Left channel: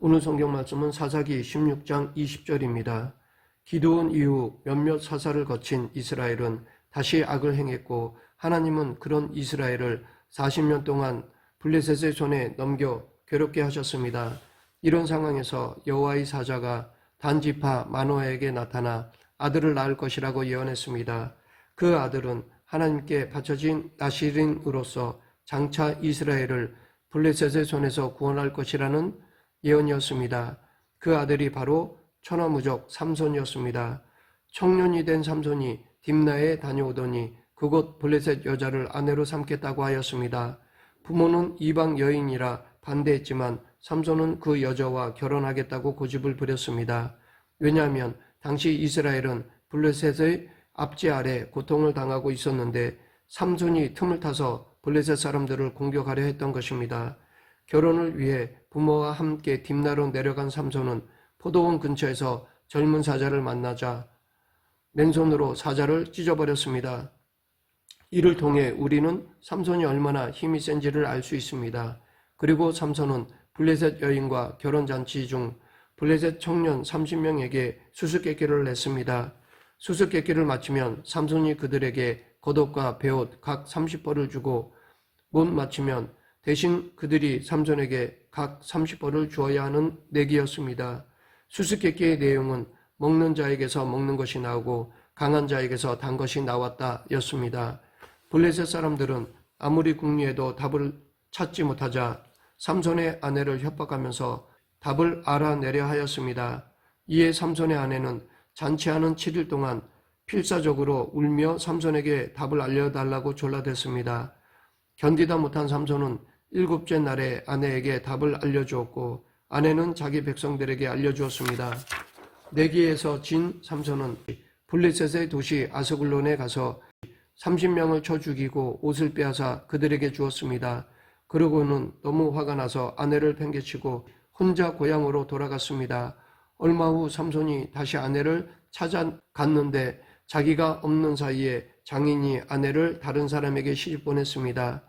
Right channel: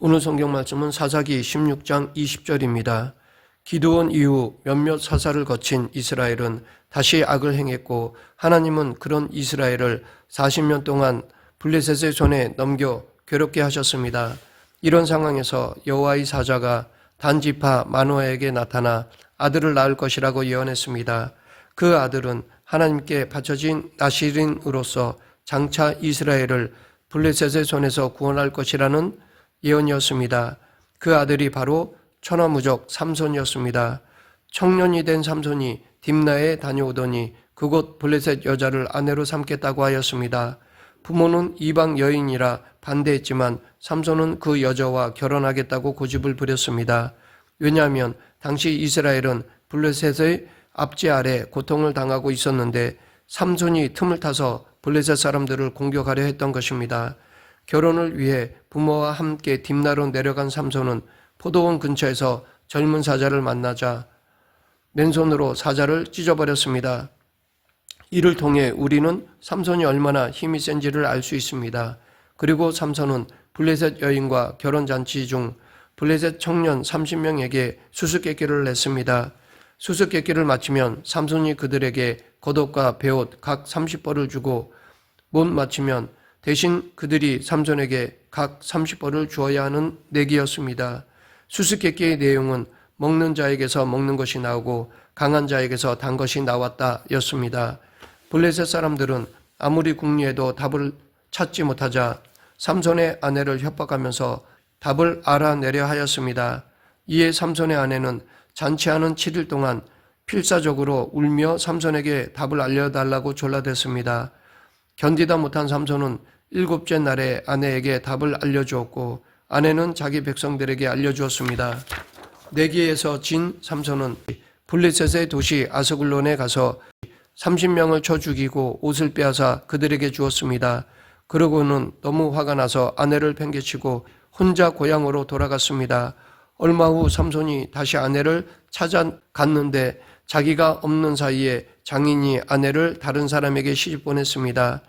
오늘 성경 말씀은 사사기 16장 20절입니다. 기드온 이후 몇몇 사사를 거친 이스라엘은 다시 악을 행했고 하나님은 그런 이스라엘을 40년 동안 블레셋의 손에 넘겨 괴롭게 하셨습니다. 이런 상황에서 여호와의 사자가 단지파 마노아에게 나타나 아들을 낳을 것이라고 예언했습니다. 그 아들은 하나님께 바쳐진 나시린으로서 장차 이스라엘을 블레셋의 손에서 구원할 것이라는 예언이었습니다. 그 아들이 바로 천하무적 삼손이었습니다. 청년이 된 삼손이 딥나에 다녀오더니 그곳 블레셋 여자를 아내로 삼겠다고 하였습니다. 부모는 이방 여인이라 반대했지만 삼손은 그 여자와 결혼하겠다고 고집을 부렸습니다. 왜냐하면 당시 이스라엘은 블레셋의 압제 아래 고통을 당하고 있었는데 삼손이 틈을 타서 블레셋 사람들을 공격하려 했던 것입니다. 결혼을 위해 부모와 함께 딥나로 내려간 삼손은 포도원 근처에서 젊은 사자를 만나자 맨손으로 사자를 찢어버렸습니다. 이를 통해 우리는 삼손이 얼마나 힘이 센지를 알 수 있습니다. 그리고 삼손은 블레셋 여인과 결혼잔치 중 블레셋 청년 30명에게 수수께끼를 냈습니다. 수수께끼를 마치면 삼손이 그들에게 겉옷과 베옷 각 30벌을 주고 못 마치면 대신 그들이 삼손에게 각 30벌을 주어야 하는 내기였습니다. 수수께끼의 내용은 먹는 자에게서 먹는 것이 나오고 강한 자에게서 단 것이 나왔다 였습니다. 블레셋 사람들은 아무리 궁리해도 답을 찾지 못하자 삼손의 아내를 협박하면서 답을 알아내려 하였습니다. 이에 삼손의 아내는 잔치하는 7일 동안 필사적으로 울며 삼손에게 답을 알려달라고 졸라댔습니다. 견디다 못한 삼손은 7째 날에 아내에게 답을 알려주었고 아내는 자기 백성들에게 알려주었습니다. 내기에서 진 삼손은 블레셋의 도시 아스글론에 가서 30명을 쳐 죽이고 옷을 빼앗아 그들에게 주었습니다. 그러고는 너무 화가 나서 아내를 팽개치고 혼자 고향으로 돌아갔습니다. 얼마 후 삼손이 다시 아내를 찾아갔는데 자기가 없는 사이에 장인이 아내를 다른 사람에게 시집 보냈습니다.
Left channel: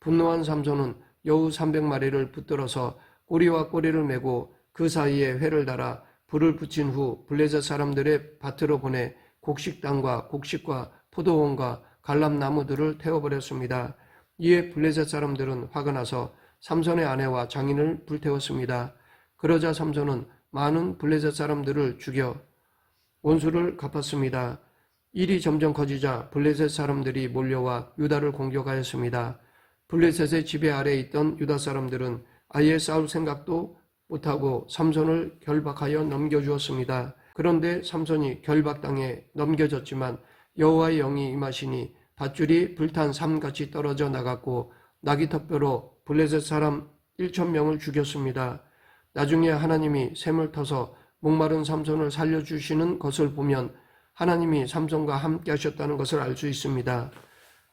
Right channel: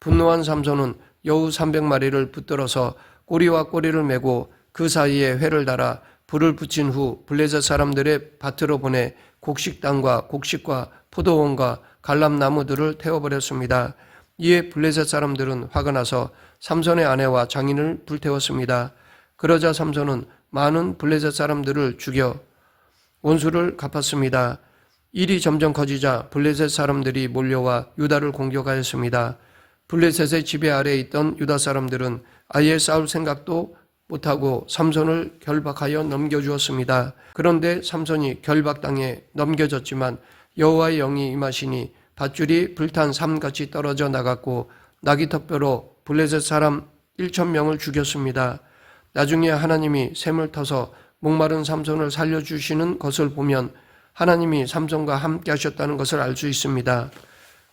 분노한 삼손은 여우 300마리를 붙들어서 꼬리와 꼬리를 메고 그 사이에 회를 달아 불을 붙인 후 블레셋 사람들의 밭으로 보내 곡식당과 곡식과 포도원과 갈람나무들을 태워버렸습니다. 이에 블레셋 사람들은 화가 나서 삼손의 아내와 장인을 불태웠습니다. 그러자 삼손은 많은 블레셋 사람들을 죽여 원수를 갚았습니다. 일이 점점 커지자 블레셋 사람들이 몰려와 유다를 공격하였습니다. 블레셋의 지배 아래에 있던 유다 사람들은 아예 싸울 생각도 못하고 삼손을 결박하여 넘겨주었습니다. 그런데 삼손이 결박당해 넘겨졌지만 여호와의 영이 임하시니 밧줄이 불탄 삼같이 떨어져 나갔고 나귀턱뼈로 블레셋 사람 1,000명을 죽였습니다. 나중에 하나님이 샘을 터서 목마른 삼손을 살려주시는 것을 보면 하나님이 삼손과 함께 하셨다는 것을 알 수 있습니다.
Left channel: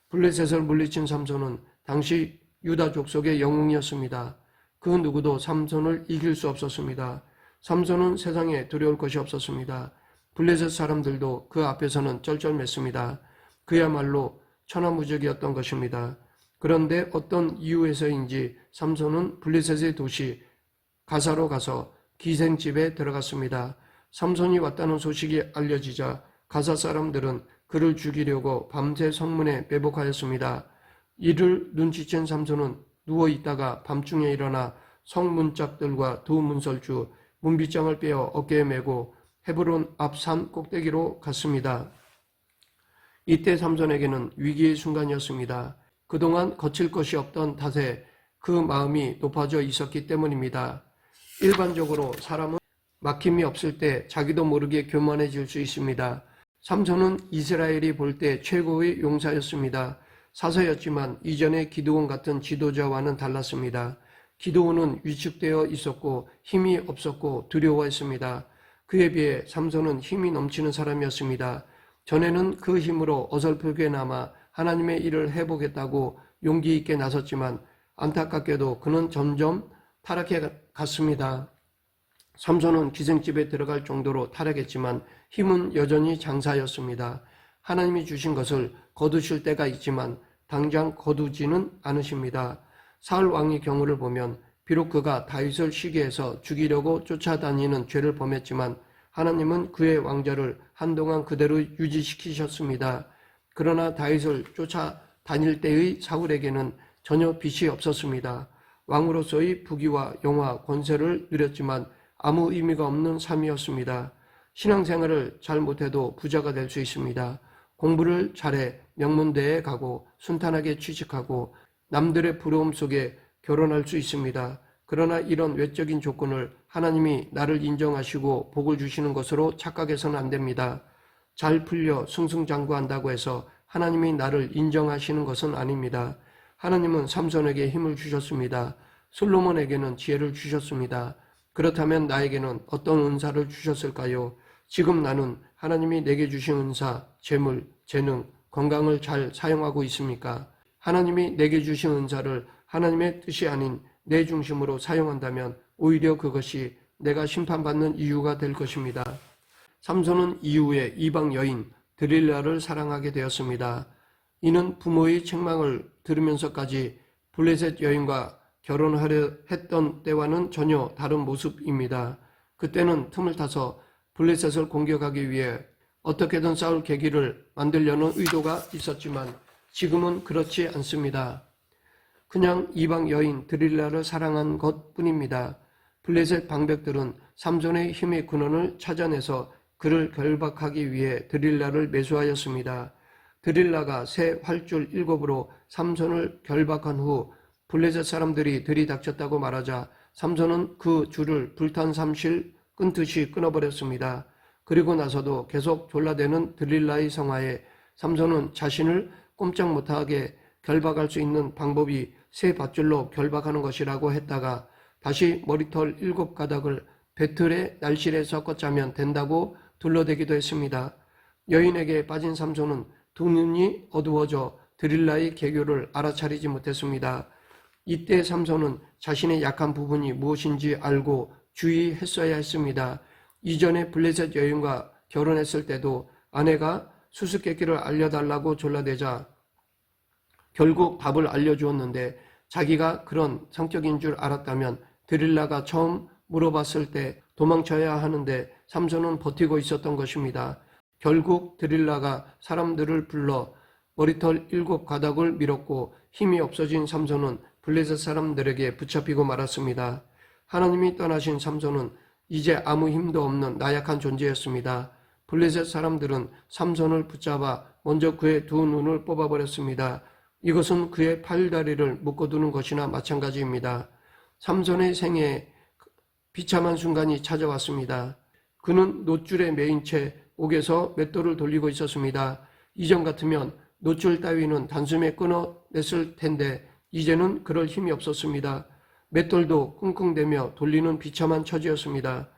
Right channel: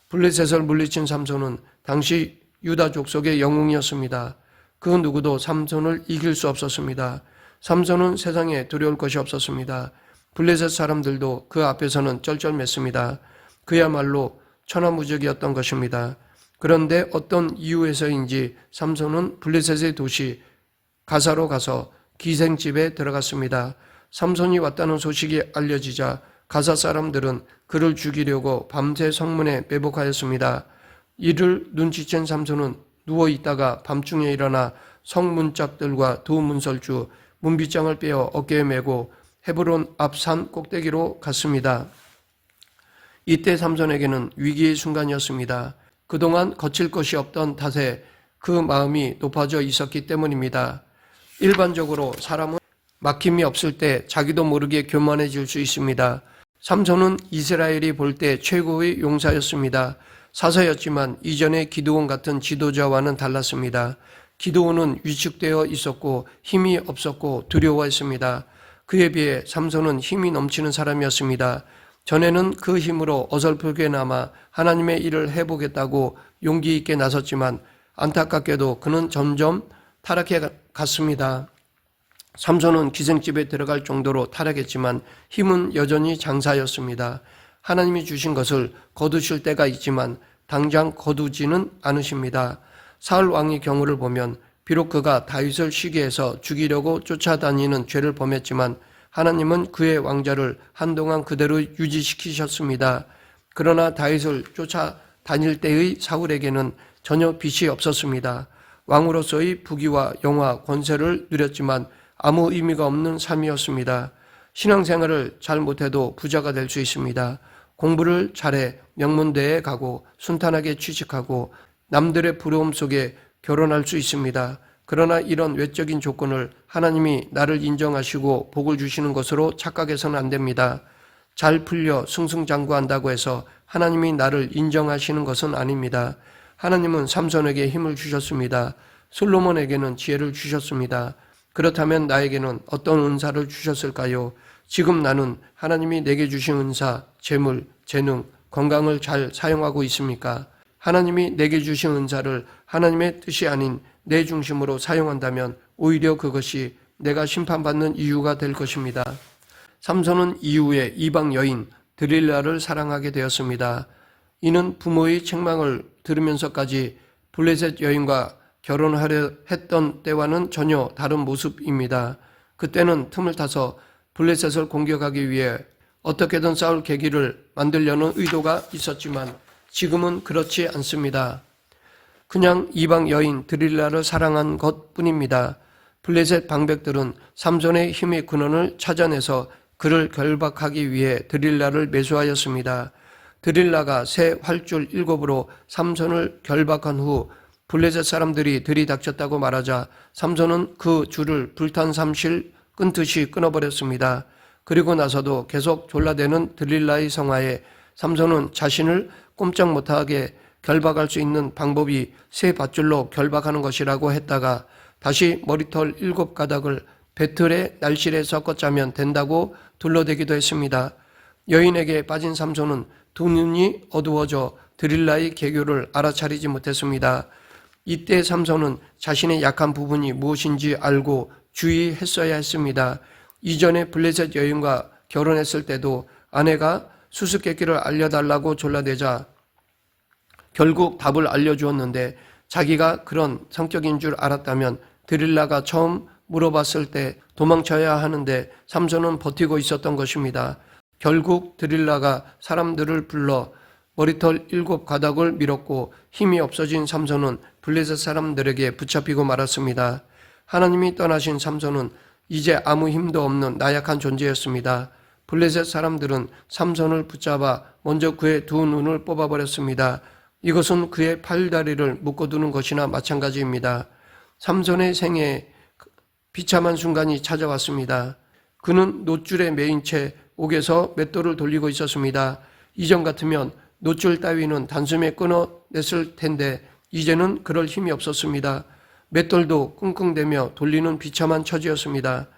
블레셋을 물리친 삼손은 당시 유다 족속의 영웅이었습니다. 그 누구도 삼손을 이길 수 없었습니다. 삼손은 세상에 두려울 것이 없었습니다. 블레셋 사람들도 그 앞에서는 쩔쩔맸습니다. 그야말로 천하무적이었던 것입니다. 그런데 어떤 이유에서인지 삼손은 블레셋의 도시 가사로 가서 기생집에 들어갔습니다. 삼손이 왔다는 소식이 알려지자 가사 사람들은 그를 죽이려고 밤새 성문에 매복하였습니다. 이를 눈치챈 삼손은 누워있다가 밤중에 일어나 성문짝들과 두 문설주, 문빗장을 빼어 어깨에 메고 헤브론 앞 산 꼭대기로 갔습니다. 이때 삼손에게는 위기의 순간이었습니다. 그동안 거칠 것이 없던 탓에 그 마음이 높아져 있었기 때문입니다. 일반적으로 사람은 막힘이 없을 때 자기도 모르게 교만해질 수 있습니다. 삼손은 이스라엘이 볼 때 최고의 용사였습니다. 사사였지만 이전의 기드온 같은 지도자와는 달랐습니다. 기드온은 위축되어 있었고 힘이 없었고 두려워했습니다. 그에 비해 삼손은 힘이 넘치는 사람이었습니다. 전에는 그 힘으로 어설프게나마 하나님의 일을 해보겠다고 용기 있게 나섰지만 안타깝게도 그는 점점 타락해 갔습니다. 삼손은 기생집에 들어갈 정도로 타락했지만 힘은 여전히 장사였습니다. 하나님이 주신 것을 거두실 때가 있지만 당장 거두지는 않으십니다. 사울 왕의 경우를 보면 비록 그가 다윗을 시기해서 죽이려고 쫓아다니는 죄를 범했지만 하나님은 그의 왕좌를 한동안 그대로 유지시키셨습니다. 그러나 다윗을 쫓아다닐 때의 사울에게는 전혀 빚이 없었습니다. 왕으로서의 부귀와 영화, 권세를 누렸지만 아무 의미가 없는 삶이었습니다. 신앙생활을 잘 못해도 부자가 될 수 있습니다. 공부를 잘해 명문대에 가고 순탄하게 취직하고 남들의 부러움 속에 결혼할 수 있습니다. 그러나 이런 외적인 조건을 하나님이 나를 인정하시고 복을 주시는 것으로 착각해서는 안 됩니다. 잘 풀려 승승장구한다고 해서 하나님이 나를 인정하시는 것은 아닙니다. 하나님은 삼손에게 힘을 주셨습니다. 솔로몬에게는 지혜를 주셨습니다. 그렇다면 나에게는 어떤 은사를 주셨을까요? 지금 나는 하나님이 내게 주신 은사, 재물, 재능, 건강을 잘 사용하고 있습니까? 하나님이 내게 주신 은사를 하나님의 뜻이 아닌 내 중심으로 사용한다면 오히려 그것이 내가 심판받는 이유가 될 것입니다. 삼손은 이후에 이방 여인 드릴라를 사랑하게 되었습니다. 이는 부모의 책망을 들으면서까지 블레셋 여인과 결혼하려 했던 때와는 전혀 다른 모습입니다. 그때는 틈을 타서 블레셋을 공격하기 위해 어떻게든 싸울 계기를 만들려는 의도가 있었지만 지금은 그렇지 않습니다. 그냥 이방 여인 드릴라를 사랑한 것뿐입니다. 블레셋 방백들은 삼손의 힘의 근원을 찾아내서 그를 결박하기 위해 드릴라를 매수하였습니다. 드릴라가 새 활줄 7으로 삼손을 결박한 후 블레셋 사람들이 들이닥쳤다고 말하자 삼손은 그 줄을 불탄 삼실 끊듯이 끊어버렸습니다. 그리고 나서도 계속 졸라대는 드릴라의 성화에 삼손은 자신을 꼼짝 못하게 결박할 수 있는 방법이 새 밧줄로 결박하는 것이라고 했다가 다시 머리털 7가닥을 배틀의 날실에 섞어 짜면 된다고 둘러대기도 했습니다. 여인에게 빠진 삼손은 두 눈이 어두워져 드릴라의 계교를 알아차리지 못했습니다. 이때 삼손은 자신의 약한 부분이 무엇인지 알고 주의했어야 했습니다. 이전에 블레셋 여인과 결혼했을 때도 아내가 수수께끼를 알려달라고 졸라대자 결국 답을 알려주었는데 자기가 그런 성격인 줄 알았다면 드릴라가 처음 물어봤을 때 도망쳐야 하는데 삼손은 버티고 있었던 것입니다. 결국 드릴라가 사람들을 불러 머리털 7가닥을 밀었고 힘이 없어진 삼손은 블레셋 사람들에게 붙잡히고 말았습니다. 하나님이 떠나신 삼손은 이제 아무 힘도 없는 나약한 존재였습니다. 블레셋 사람들은 삼손을 붙잡아 먼저 그의 두 눈을 뽑아버렸습니다. 이것은 그의 팔다리를 묶어두는 것이나 마찬가지입니다. 삼손의 생애에 비참한 순간이 찾아왔습니다. 그는 놋줄에 매인 채 옥에서 맷돌을 돌리고 있었습니다. 이전 같으면 놋줄 따위는 단숨에 끊어냈을 텐데 이제는 그럴 힘이 없었습니다. 맷돌도 끙끙대며 돌리는 비참한 처지였습니다.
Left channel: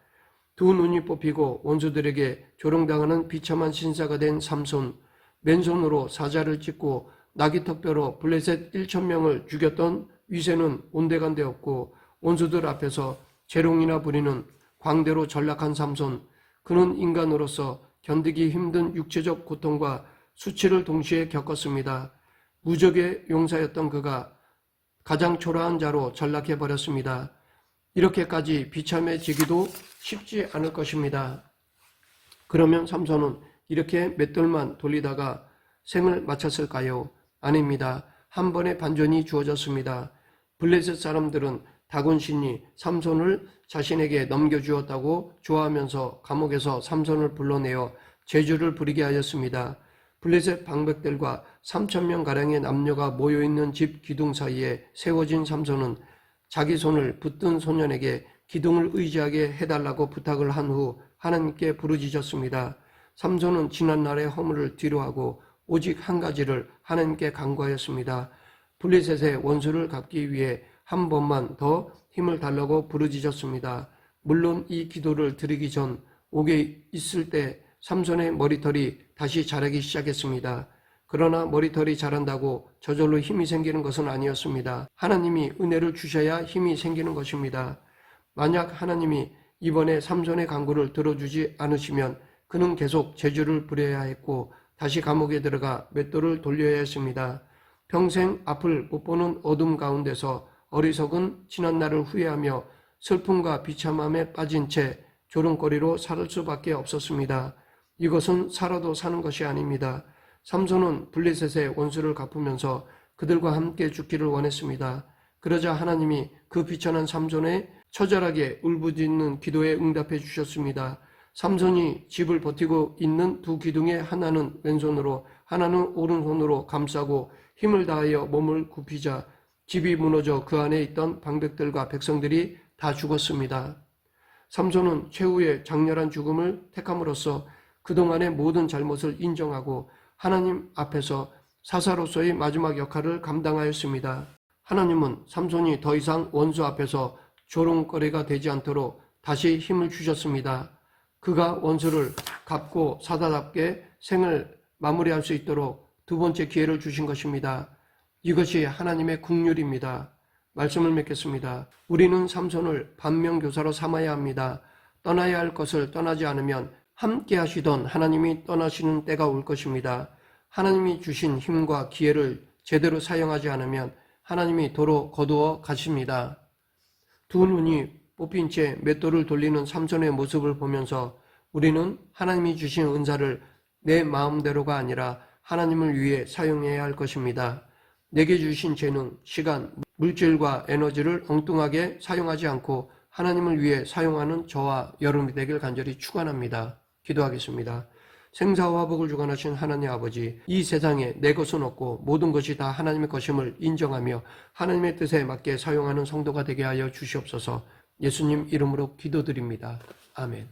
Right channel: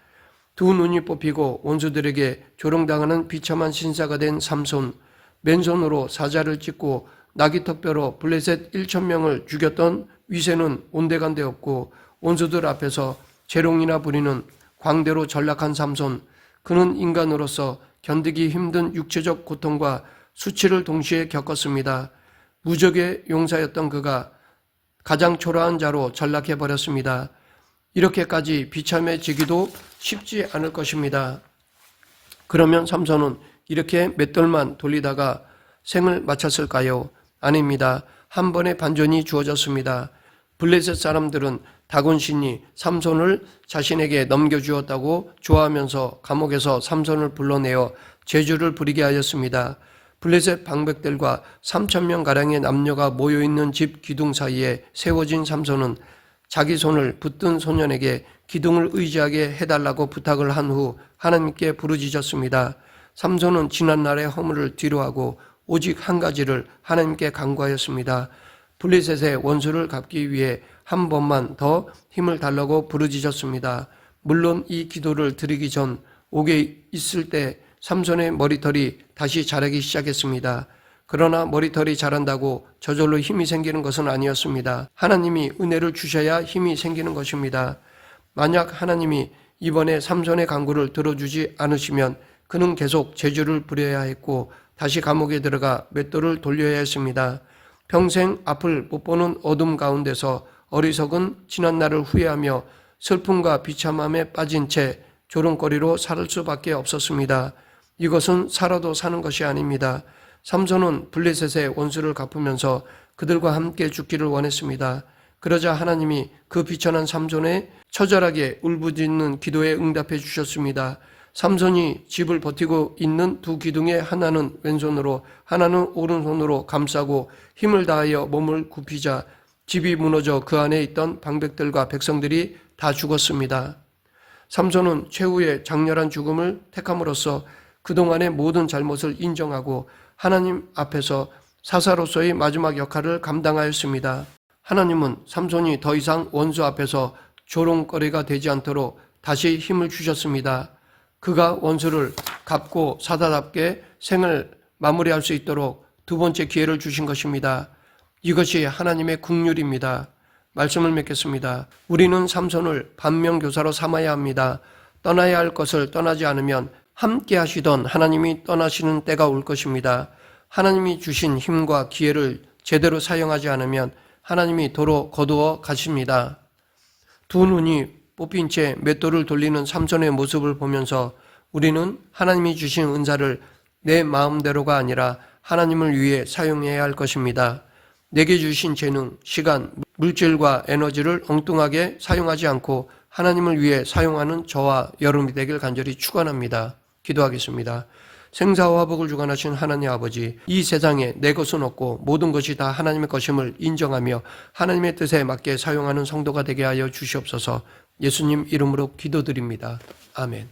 두 눈이 뽑히고 원수들에게 조롱당하는 비참한 신사가 된 삼손, 맨손으로 사자를 찢고 나귀턱뼈로 블레셋 1,000명을 죽였던 위세는 온데간데 없고 원수들 앞에서 재롱이나 부리는 광대로 전락한 삼손, 그는 인간으로서 견디기 힘든 육체적 고통과 수치를 동시에 겪었습니다. 무적의 용사였던 그가 가장 초라한 자로 전락해버렸습니다. 이렇게까지 비참해지기도 쉽지 않을 것입니다. 그러면 삼손은 이렇게 맷돌만 돌리다가 생을 마쳤을까요? 아닙니다. 한 번의 반전이 주어졌습니다. 블레셋 사람들은 다곤신이 삼손을 자신에게 넘겨주었다고 좋아하면서 감옥에서 삼손을 불러내어 제주를 부리게 하였습니다. 블레셋 방백들과 3,000명가량의 남녀가 모여있는 집 기둥 사이에 세워진 삼손은 자기 손을 붙든 소년에게 기둥을 의지하게 해달라고 부탁을 한 후 하나님께 부르짖었습니다. 삼손은 지난날의 허물을 뒤로하고 오직 한 가지를 하나님께 간구하였습니다. 블레셋의 원수를 갚기 위해 한 번만 더 힘을 달라고 부르짖었습니다. 물론 이 기도를 드리기 전 옥에 있을 때 삼손의 머리털이 다시 자라기 시작했습니다. 그러나 머리털이 자란다고 저절로 힘이 생기는 것은 아니었습니다. 하나님이 은혜를 주셔야 힘이 생기는 것입니다. 만약 하나님이 이번에 삼손의 간구를 들어주지 않으시면 그는 계속 제주를 부려야 했고 다시 감옥에 들어가 맷돌을 돌려야 했습니다. 평생 앞을 못 보는 어둠 가운데서 어리석은 지난 날을 후회하며 슬픔과 비참함에 빠진 채 조롱거리로 살 수밖에 없었습니다. 이것은 살아도 사는 것이 아닙니다. 삼손은 블레셋의 원수를 갚으면서 그들과 함께 죽기를 원했습니다. 그러자 하나님이 그 비천한 삼손의 처절하게 울부짖는 기도에 응답해 주셨습니다. 삼손이 집을 버티고 있는 두 기둥에 하나는 왼손으로 하나는 오른손으로 감싸고 힘을 다하여 몸을 굽히자 집이 무너져 그 안에 있던 방백들과 백성들이 다 죽었습니다. 삼손은 최후의 장렬한 죽음을 택함으로써 그동안의 모든 잘못을 인정하고 하나님 앞에서 사사로서의 마지막 역할을 감당하였습니다. 하나님은 삼손이 더 이상 원수 앞에서 조롱거리가 되지 않도록 다시 힘을 주셨습니다. 그가 원수를 갚고 사다답게 생을 마무리할 수 있도록 두 번째 기회를 주신 것입니다. 이것이 하나님의 긍휼입니다. 말씀을 맺겠습니다. 우리는 삼손을 반면교사로 삼아야 합니다. 떠나야 할 것을 떠나지 않으면 함께 하시던 하나님이 떠나시는 때가 올 것입니다. 하나님이 주신 힘과 기회를 제대로 사용하지 않으면 하나님이 도로 거두어 가십니다. 두 눈이 뽑힌 채 맷돌을 돌리는 삼손의 모습을 보면서 우리는 하나님이 주신 은사를 내 마음대로가 아니라 하나님을 위해 사용해야 할 것입니다. 내게 주신 재능, 시간, 물질과 에너지를 엉뚱하게 사용하지 않고 하나님을 위해 사용하는 저와 여러분이 되길 간절히 축원합니다. 기도하겠습니다. 생사와 화복을 주관하신 하나님 아버지, 이 세상에 내 것은 없고 모든 것이 다 하나님의 것임을 인정하며 하나님의 뜻에 맞게 사용하는 성도가 되게 하여 주시옵소서. 예수님 이름으로 기도드립니다. 아멘.